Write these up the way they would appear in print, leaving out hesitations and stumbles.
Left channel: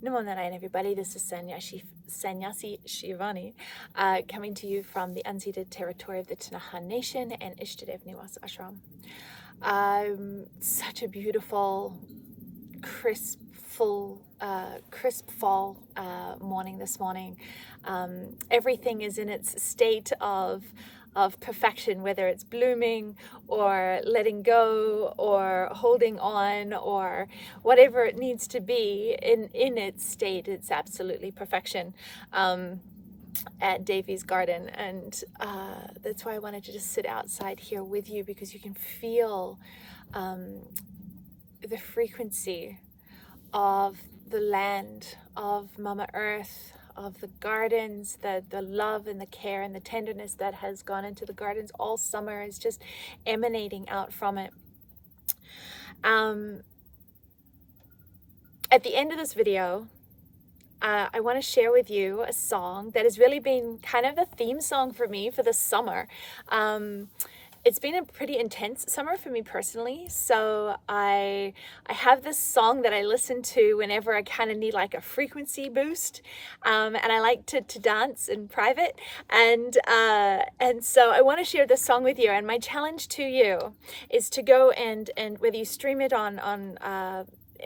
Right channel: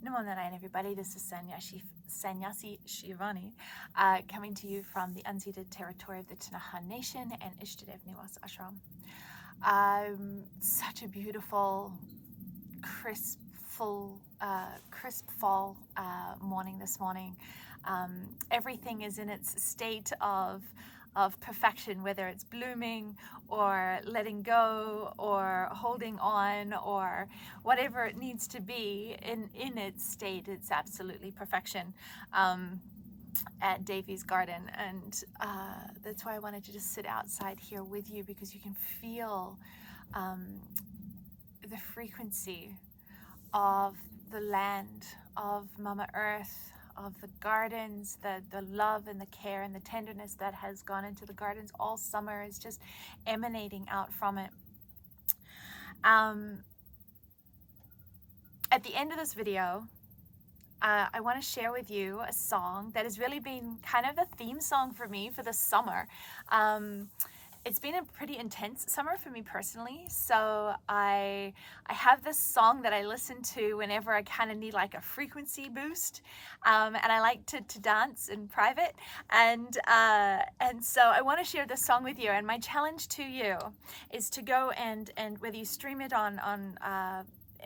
Namo Narayan, everybody. This is Sannyasi Shivani, coming to you from the unceded territory of the Tanaha Nation and Ishtadev Niwas Ashram. Such a beautiful, crisp fall morning this morning. Everything is in its state of perfection, whether it's blooming or letting go or holding on or whatever it needs to be in its state. It's absolutely perfection at Davy's garden, and that's why I wanted to just sit outside here with you, because you can feel the frequency of the land, of Mama Earth, of the gardens, the love and the care and the tenderness that has gone into the gardens all summer is just emanating out from it. At the end of this video, I want to share with you a song that has really been kind of the theme song for me for the summer. It's been a pretty intense summer for me personally, so I have this song that I listen to whenever I kind of need like a frequency boost, and I like to dance in private, and so I want to share this song with you. And my challenge to you is to go and whether you stream it on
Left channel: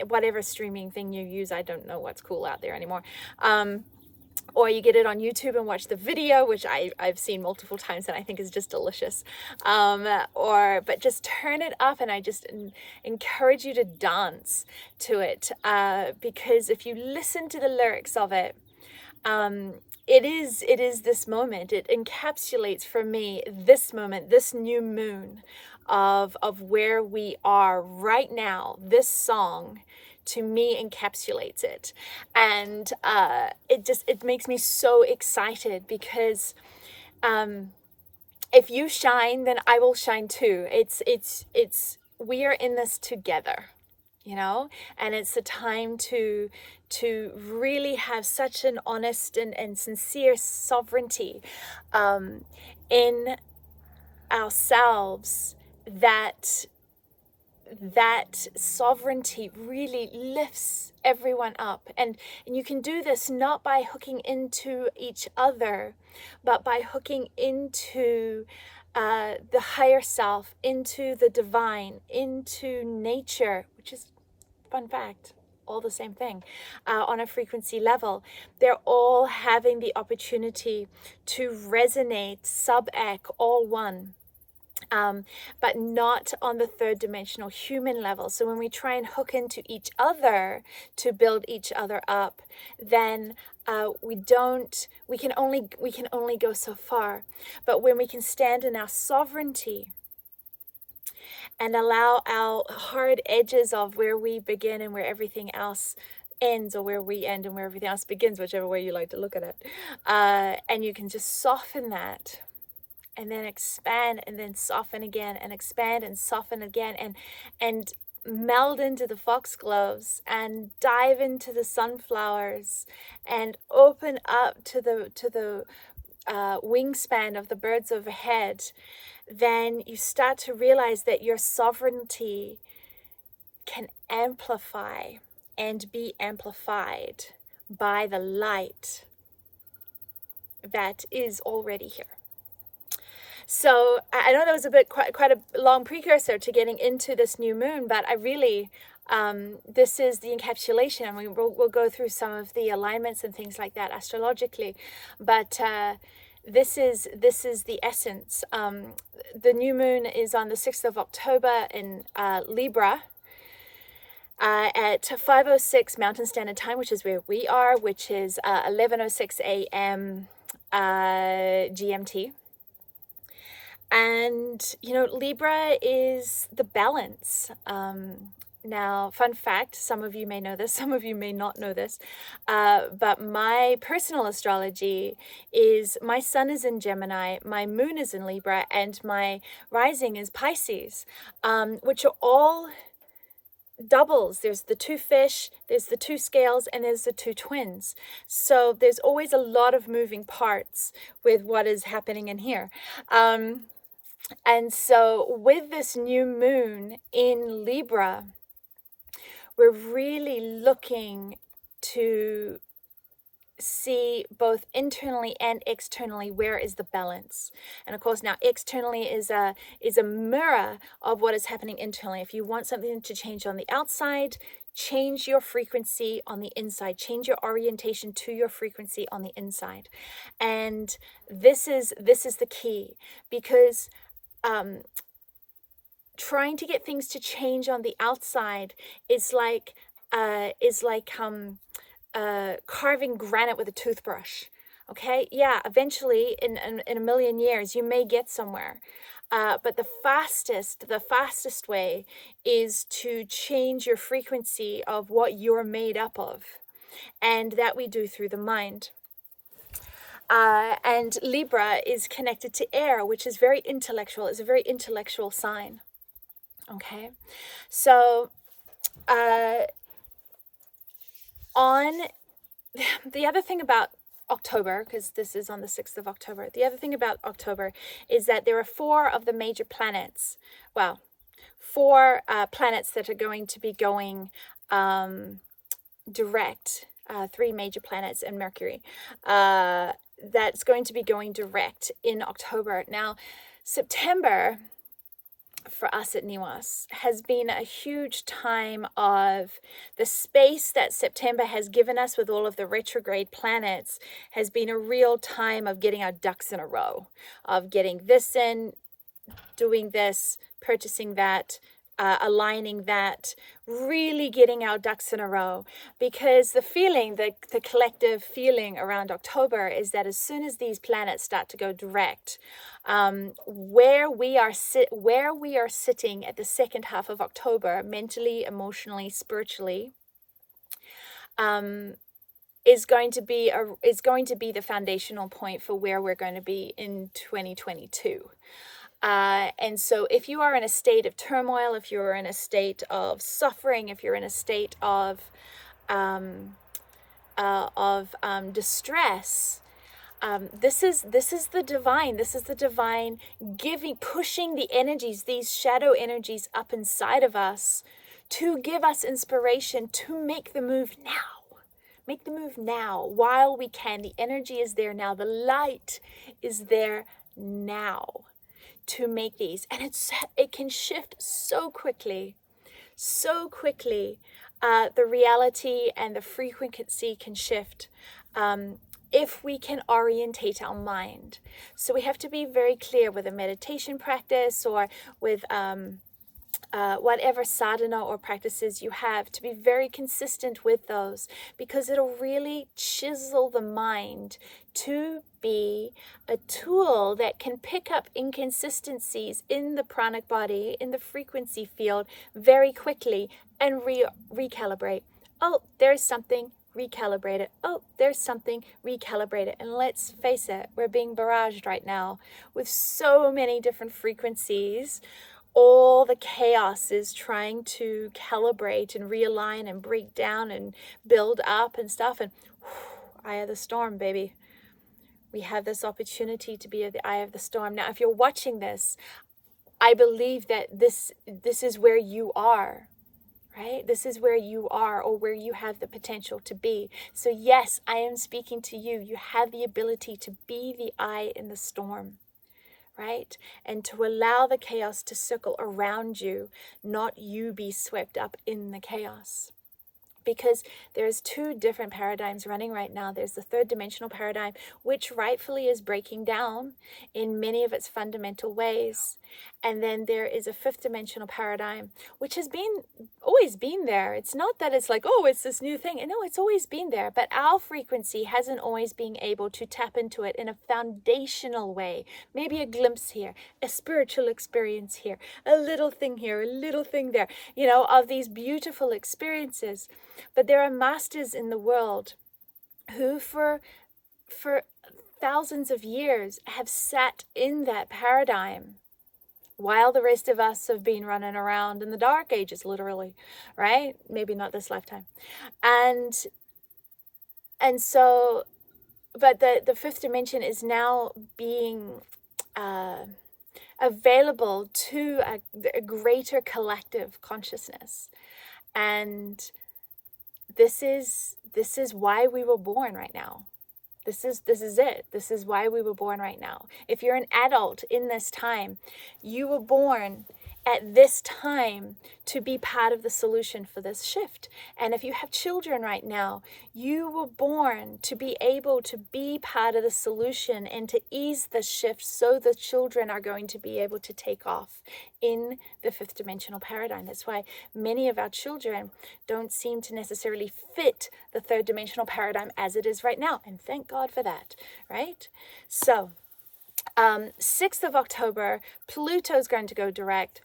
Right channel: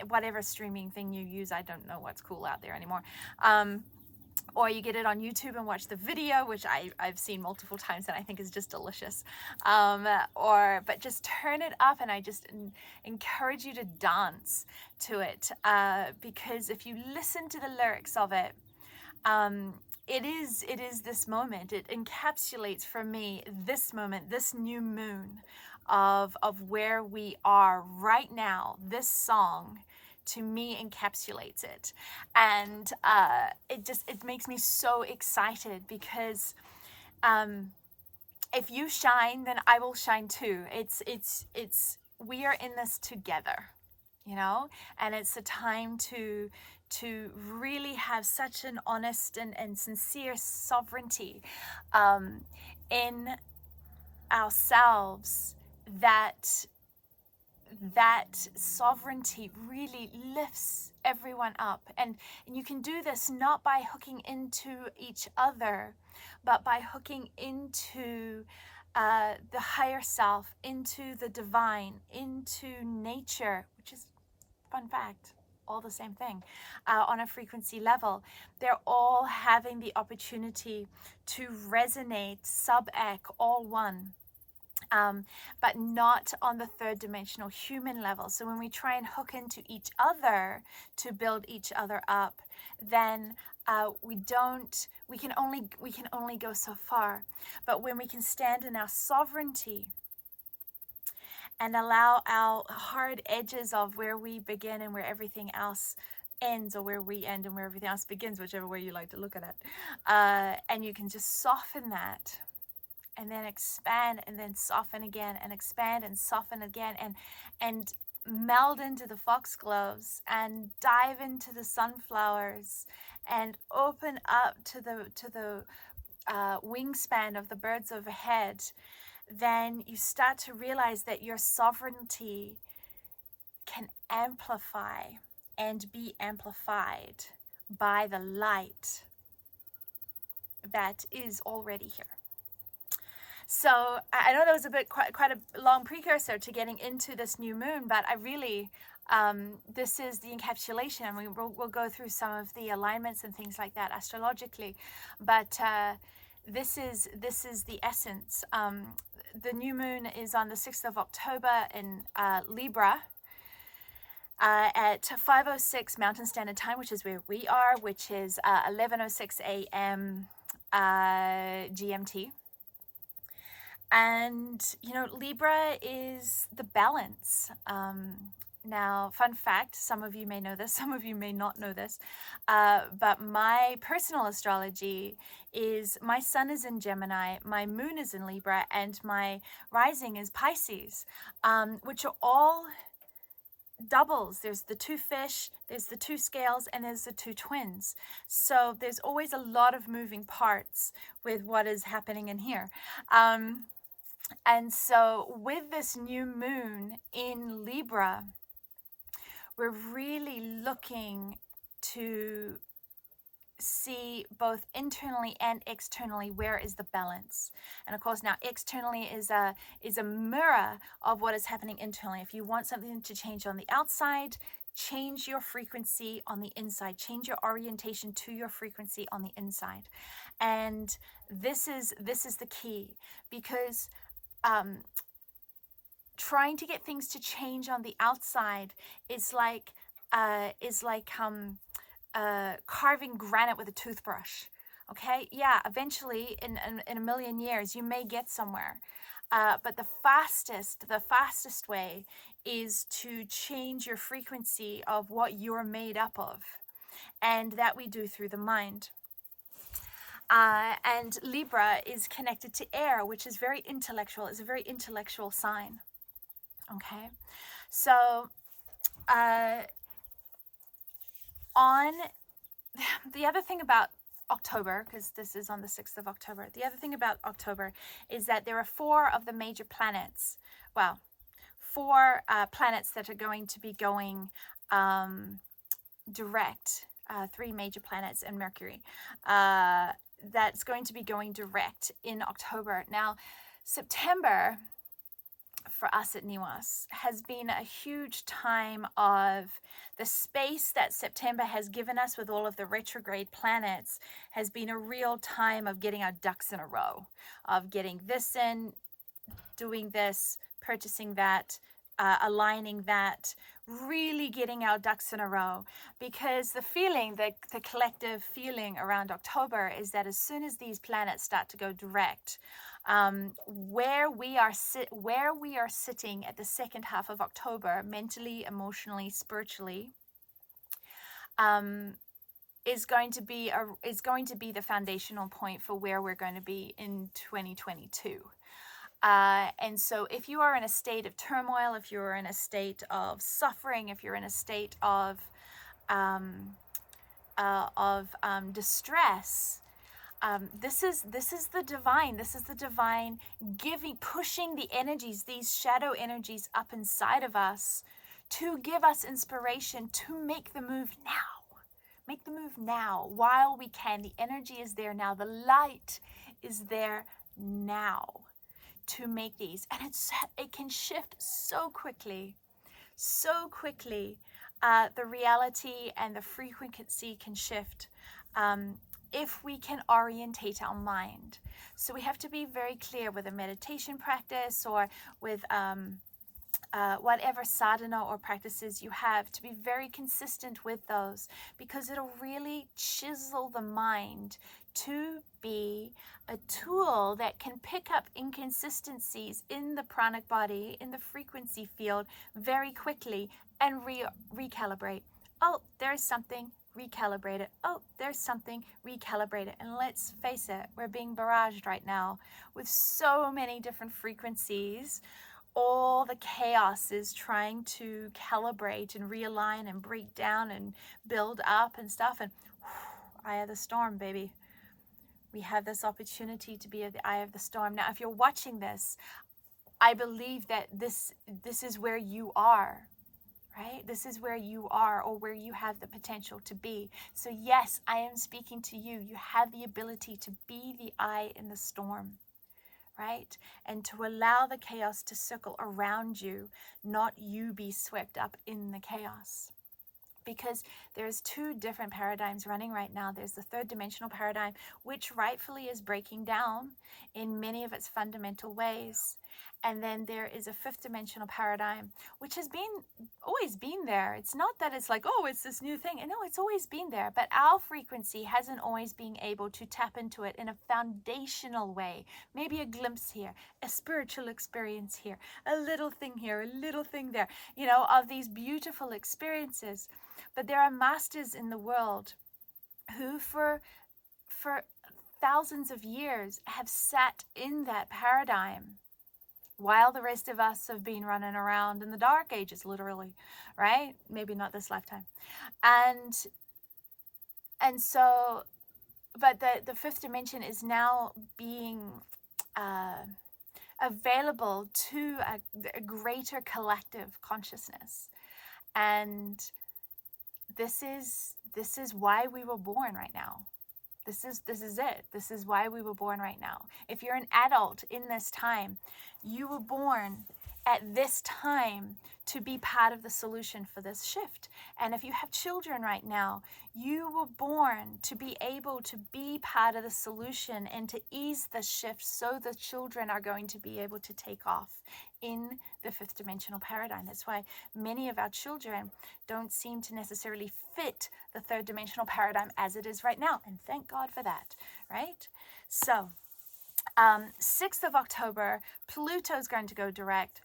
whatever streaming thing you use, I don't know what's cool out there anymore, or you get it on YouTube and watch the video, which I've seen multiple times and I think is just delicious, but just turn it up, and I just encourage you to dance to it, because if you listen to the lyrics of it, it is this moment. It encapsulates for me this moment, this new moon of where we are right now. This song to me encapsulates it, and it makes me so excited, because if you shine, then I will shine too. It's we are in this together, you know, and it's the time to really have such an honest and sincere sovereignty in ourselves, that sovereignty really lifts everyone up. And you can do this not by hooking into each other, but by hooking into the higher self, into the divine, into nature, which is, fun fact, all the same thing, on a frequency level. They're all having the opportunity to resonate sub-ec, all one. But not on the third dimensional human level. So when we try and hook into each other to build each other up, then we can only go so far. But when we can stand in our sovereignty and allow our hard edges of where we begin and where everything else ends, or where we end and where everything else begins, whichever way you like to look at it, and you can just soften that, and then expand, and then soften again, and expand and soften again, and meld into the foxgloves, and dive into the sunflowers, and open up to the wingspan of the birds overhead. Then you start to realize that your sovereignty can amplify and be amplified by the light that is already here. So I know that was quite a long precursor to getting into this new moon, but I really, this is the encapsulation. I mean, we'll go through some of the alignments and things like that astrologically, but this is the essence. The new moon is on the 6th of October in Libra, at 5:06 Mountain Standard Time, which is where we are, which is 11:06 a.m. GMT. And, you know, Libra is the balance. Now, fun fact, some of you may know this, some of you may not know this, but my personal astrology is my sun is in Gemini, my moon is in Libra, and my rising is Pisces, which are all doubles. There's the two fish, there's the two scales, and there's the two twins. So there's always a lot of moving parts with what is happening in here. And so with this new moon in Libra, we're really looking to see both internally and externally where is the balance. And of course, now externally is a mirror of what is happening internally. If you want something to change on the outside, change your frequency on the inside, change your orientation to your frequency on the inside. And this is the key, because trying to get things to change on the outside is like carving granite with a toothbrush. Okay, yeah, eventually in a million years you may get somewhere, but the fastest way is to change your frequency of what you're made up of, and that we do through the mind. And Libra is connected to air, which is very intellectual. It's a very intellectual sign. Okay, so on the other thing about October, because this is on the 6th of October, the other thing about October is that there are 4 of the major planets, well, 4 planets that are going to be going direct, 3 major planets and Mercury, that's going to be going direct in October. Now, September for us at NIWAS has been a huge time of the space that September has given us with all of the retrograde planets, has been a real time of getting our ducks in a row, of getting this in, doing this, purchasing that, aligning that, really getting our ducks in a row. Because the feeling, the collective feeling around October is that as soon as these planets start to go direct, where we are sitting at the second half of October, mentally, emotionally, spiritually, is going to be the foundational point for where we're going to be in 2022. And so if you are in a state of turmoil, if you're in a state of suffering, if you're in a state of distress, this is the divine giving, pushing the energies, these shadow energies up inside of us to give us inspiration to make the move now. Make the move now while we can. The energy is there now. The light is there now to make these. And it can shift so quickly. The reality and the frequency can shift if we can orientate our mind. So we have to be very clear with a meditation practice or with whatever sadhana or practices you have, to be very consistent with those, because it'll really chisel the mind to be a tool that can pick up inconsistencies in the pranic body, in the frequency field, very quickly and recalibrate. Oh, there's something, recalibrate it. Oh, there's something, recalibrate it. And let's face it, we're being barraged right now with so many different frequencies. All the chaos is trying to calibrate and realign and break down and build up and stuff. And eye of the storm, baby. We have this opportunity to be at the eye of the storm. Now, if you're watching this, I believe that this is where you are, right? This is where you are, or where you have the potential to be. So yes, I am speaking to you. You have the ability to be the eye in the storm, right? And to allow the chaos to circle around you, not you be swept up in the chaos. Because there's 2 different paradigms running right now. There's the 3rd dimensional paradigm, which rightfully is breaking down in many of its fundamental ways. And then there is a 5th dimensional paradigm, which has always been there. It's not that it's like, oh, it's this new thing. No, it's always been there. But our frequency hasn't always been able to tap into it in a foundational way. Maybe a glimpse here, a spiritual experience here, a little thing here, a little thing there, of these beautiful experiences. But there are masters in the world who for thousands of years have sat in that paradigm, while the rest of us have been running around in the dark ages, literally, right? Maybe not this lifetime. And so, but the 5th dimension is now being available to a greater collective consciousness. And this is this is why we were born right now. This is it. This is why we were born right now. If you're an adult in this time, you were born at this time to be part of the solution for this shift. And if you have children right now, you were born to be able to be part of the solution and to ease the shift, so the children are going to be able to take off in the fifth dimensional paradigm. That's why many of our children don't seem to necessarily fit the third dimensional paradigm as it is right now. And thank God for that, right? So 6th of October, Pluto is going to go direct.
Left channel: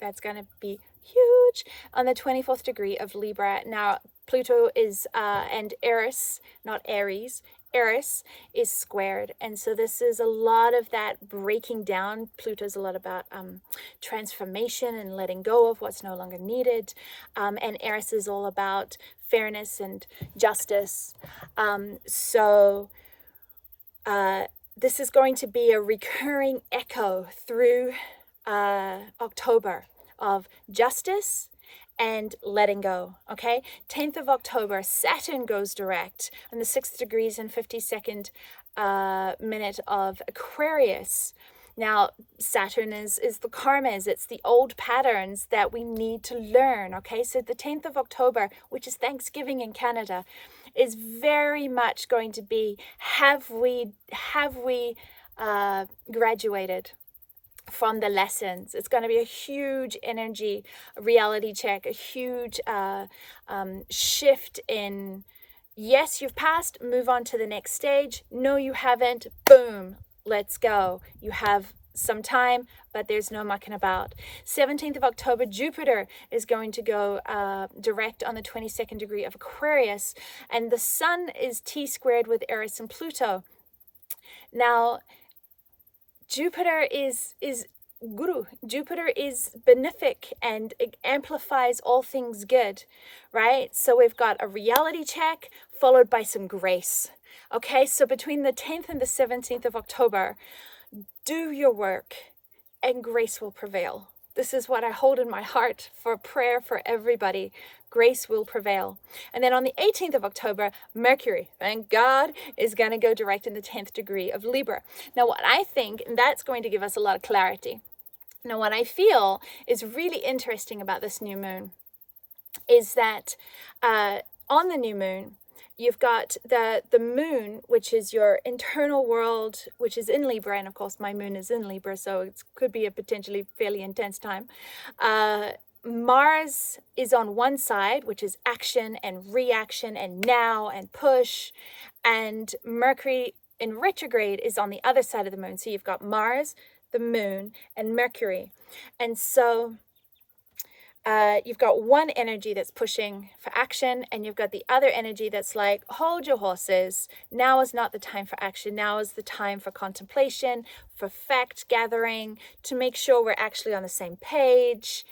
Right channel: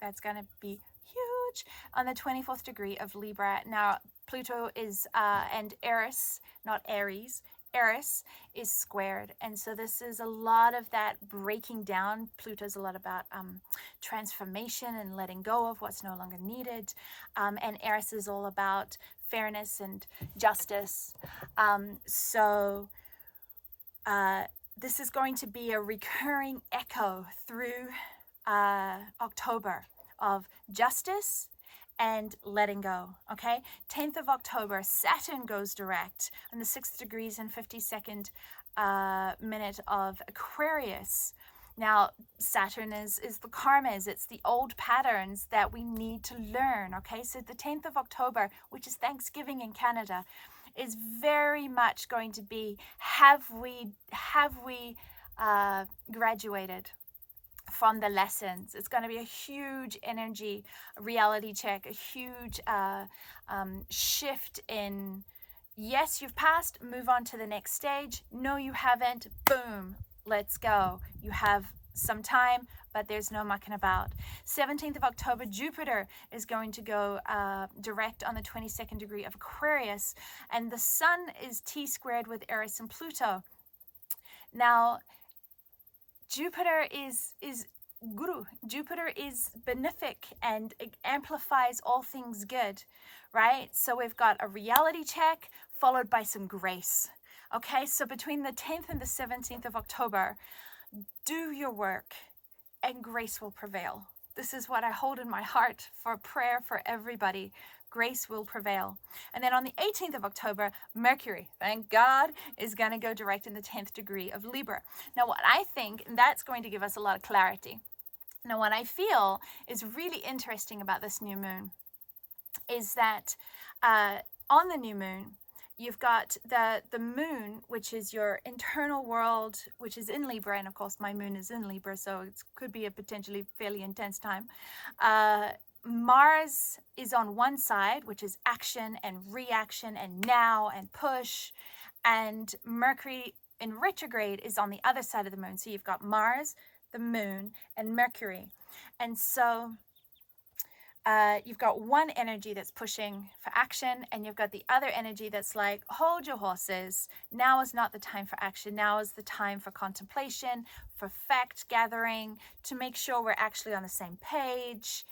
That's going to be huge on the 24th degree of Libra. Now, Pluto is, and Eris, not Aries, Eris is squared. And so this is a lot of that breaking down. Pluto's a lot about transformation and letting go of what's no longer needed. And Eris is all about fairness and justice. This is going to be a recurring echo through October of justice and letting go. Okay, 10th of October, Saturn goes direct on the 6th degrees and 52nd minute of Aquarius. Now, Saturn is the karmas, it's the old patterns that we need to learn. Okay, so the 10th of October, which is Thanksgiving in Canada, is very much going to be, have we graduated from the lessons? It's going to be a huge energy reality check, a huge shift in, yes, you've passed, move on to the next stage. No, you haven't. Boom, let's go. You have some time, but there's no mucking about. 17th of October, Jupiter is going to go direct on the 22nd degree of Aquarius, and the Sun is T-squared with Eris and Pluto. Now, Jupiter is Guru. Jupiter is benefic and it amplifies all things good, right? So we've got a reality check followed by some grace. Okay, so between the 10th and the 17th of October, do your work and grace will prevail. This is what I hold in my heart for prayer for everybody. Grace will prevail. And then on the 18th of October, Mercury, thank God, is going to go direct in the 10th degree of Libra. Now, what I think, and that's going to give us a lot of clarity. Now, what I feel is really interesting about this new moon is that on the new moon, you've got the moon, which is your internal world, which is in Libra. And of course, my moon is in Libra, so it could be a potentially fairly intense time. Mars is on one side, which is action and reaction and now and push. And Mercury in retrograde is on the other side of the moon. So you've got Mars, the moon, and Mercury. And so you've got one energy that's pushing for action, and you've got the other energy that's like, hold your horses. Now is not the time for action. Now is the time for contemplation, for fact gathering, to make sure we're actually on the same page.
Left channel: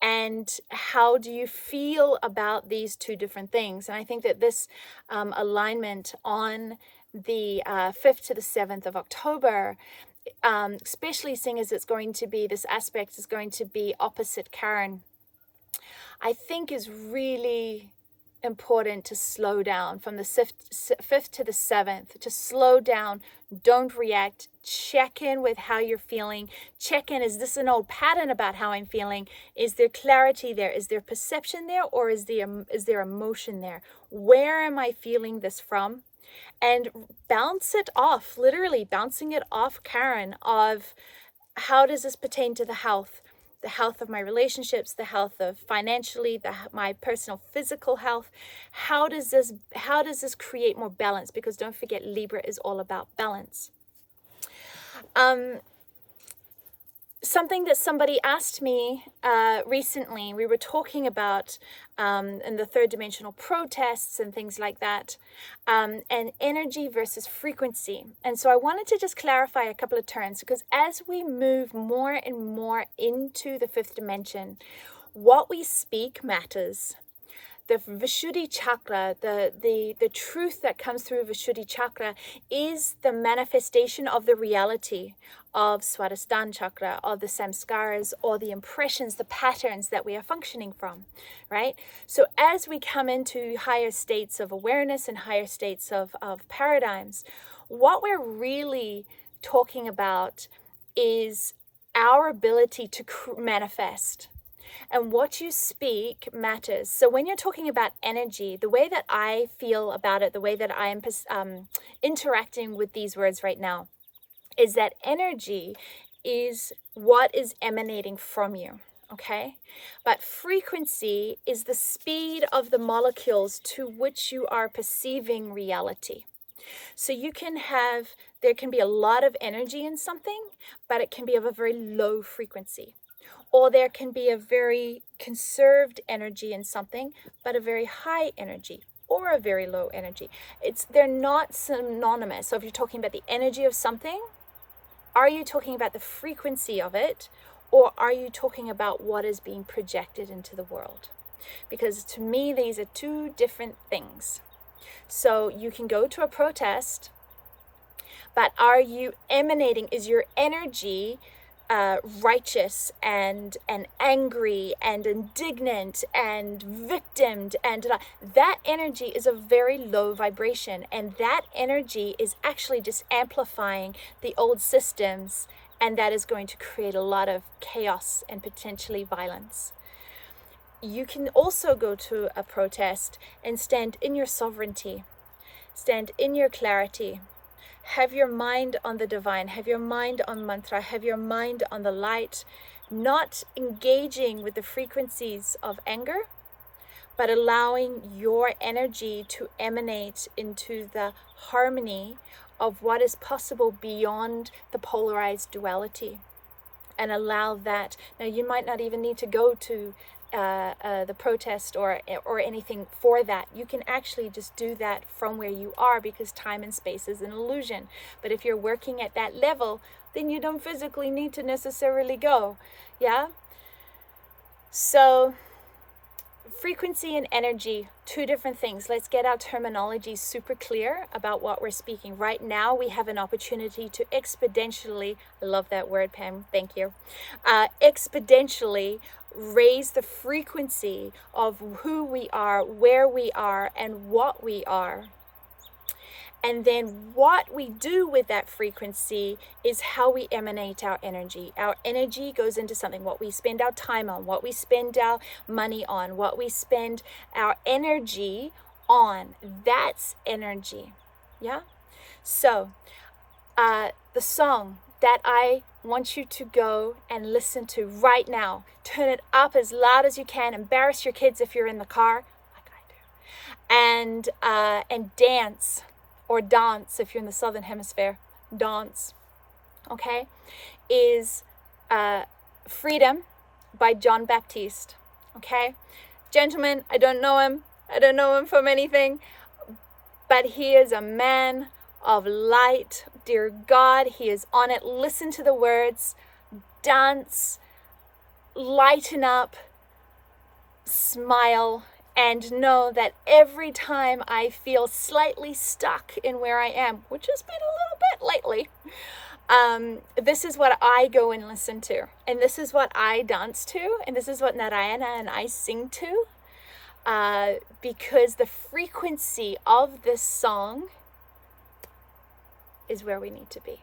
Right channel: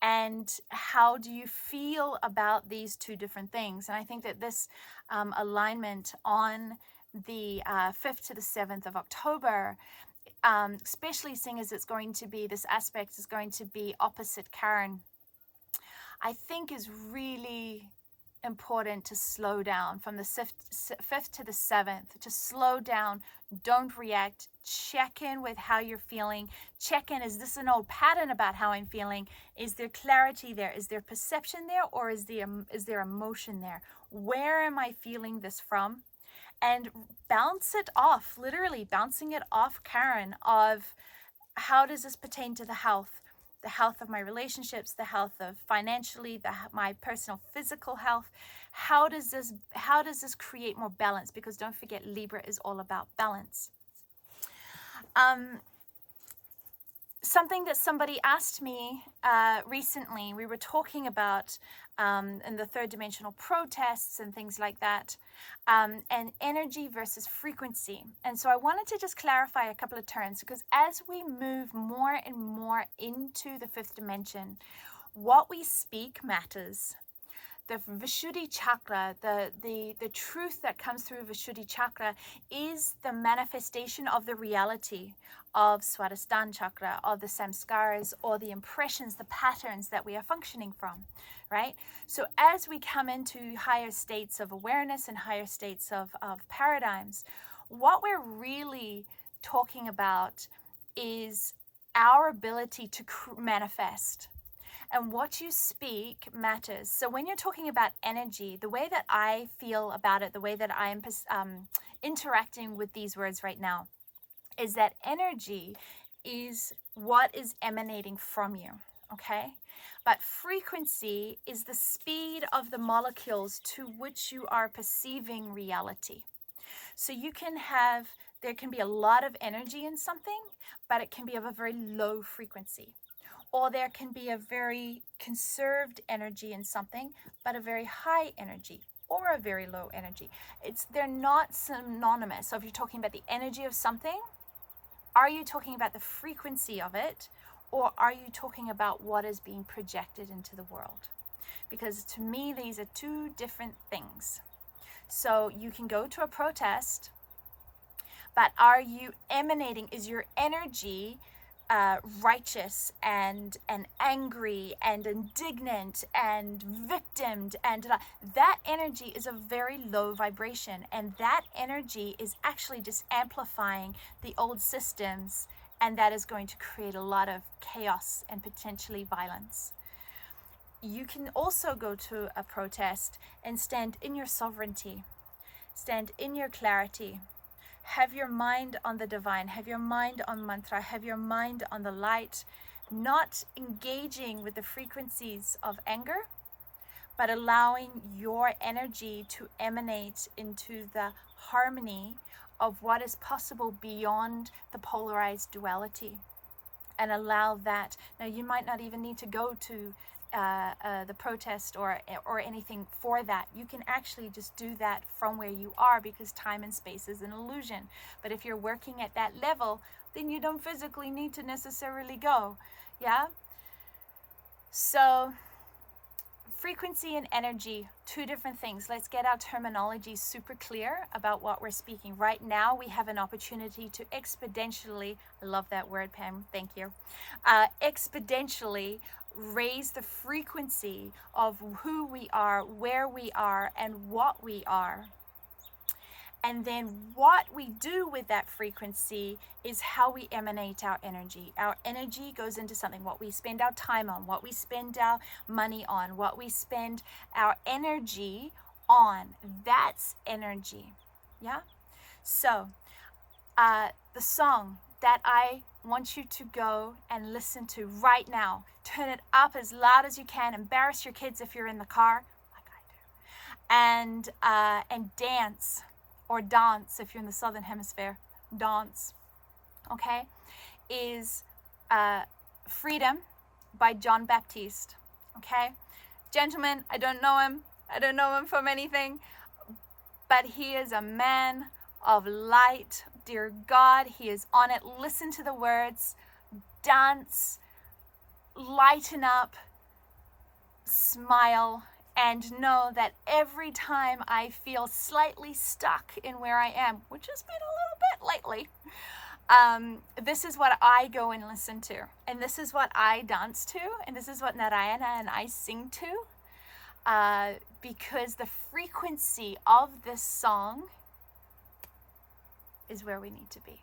And how do you feel about these two different things? And I think that this alignment on the 5th to the 7th of October, especially seeing as it's going to be, this aspect is going to be opposite Chiron, I think is really important to slow down from the 5th to the 7th, to slow down, don't react, check in with how you're feeling, check in, is this an old pattern about how I'm feeling? Is there clarity there? Is there perception there? Or is there emotion there? Where am I feeling this from? And bounce it off, literally bouncing it off Chiron, of how does this pertain to the health of my relationships, the health of financially, my personal physical health. How does this create more balance? Because don't forget, Libra is all about balance. Something that somebody asked me recently, we were talking about in the third dimensional protests and things like that, and energy versus frequency. And so I wanted to just clarify a couple of terms, because as we move more and more into the fifth dimension, what we speak matters. the Vishuddhi chakra, the truth that comes through Vishuddhi chakra is the manifestation of the reality of Swadhisthana chakra, of the samskaras, or the impressions, the patterns that we are functioning from, right? So as we come into higher states of awareness and higher states of paradigms, what we're really talking about is our ability to manifest. And what you speak matters. So when you're talking about energy, the way that I feel about it, the way that I am interacting with these words right now, is that energy is what is emanating from you, okay? But frequency is the speed of the molecules to which you are perceiving reality. So there can be a lot of energy in something, but it can be of a very low frequency. Or there can be a very conserved energy in something, but a very high energy or a very low energy. They're not synonymous. So if you're talking about the energy of something, are you talking about the frequency of it, or are you talking about what is being projected into the world? Because to me, these are two different things. So you can go to a protest, but are you emanating, is your energy righteous and angry and indignant and victimed, and that energy is a very low vibration, and that energy is actually just amplifying the old systems, and that is going to create a lot of chaos and potentially violence. You can also go to a protest and stand in your sovereignty, stand in your clarity. Have your mind on the divine, have your mind on mantra, have your mind on the light, not engaging with the frequencies of anger, but allowing your energy to emanate into the harmony of what is possible beyond the polarized duality, and allow that. Now, you might not even need to go to the protest or anything for that. You can actually just do that from where you are, because time and space is an illusion. But if you're working at that level, then you don't physically need to necessarily go. Yeah? So frequency and energy, two different things. Let's get our terminology super clear about what we're speaking. Right now, we have an opportunity to exponentially, I love that word, Pam, thank you, exponentially raise the frequency of who we are, where we are, and what we are. And then what we do with that frequency is how we emanate our energy. Our energy goes into something, what we spend our time on, what we spend our money on, what we spend our energy on. That's energy. Yeah? So, the song that I want you to go and listen to right now, turn it up as loud as you can, embarrass your kids if you're in the car, like I do, and dance. Or dance if you're in the Southern Hemisphere, dance, okay, is Freedom by John Baptiste, okay? Gentlemen, I don't know him from anything, but he is a man of light. Dear God, he is on it. Listen to the words, dance, lighten up, smile, and know that every time I feel slightly stuck in where I am, which has been a little bit lately, this is what I go and listen to. And this is what I dance to. And this is what Narayana and I sing to. Because the frequency of this song is where we need to be.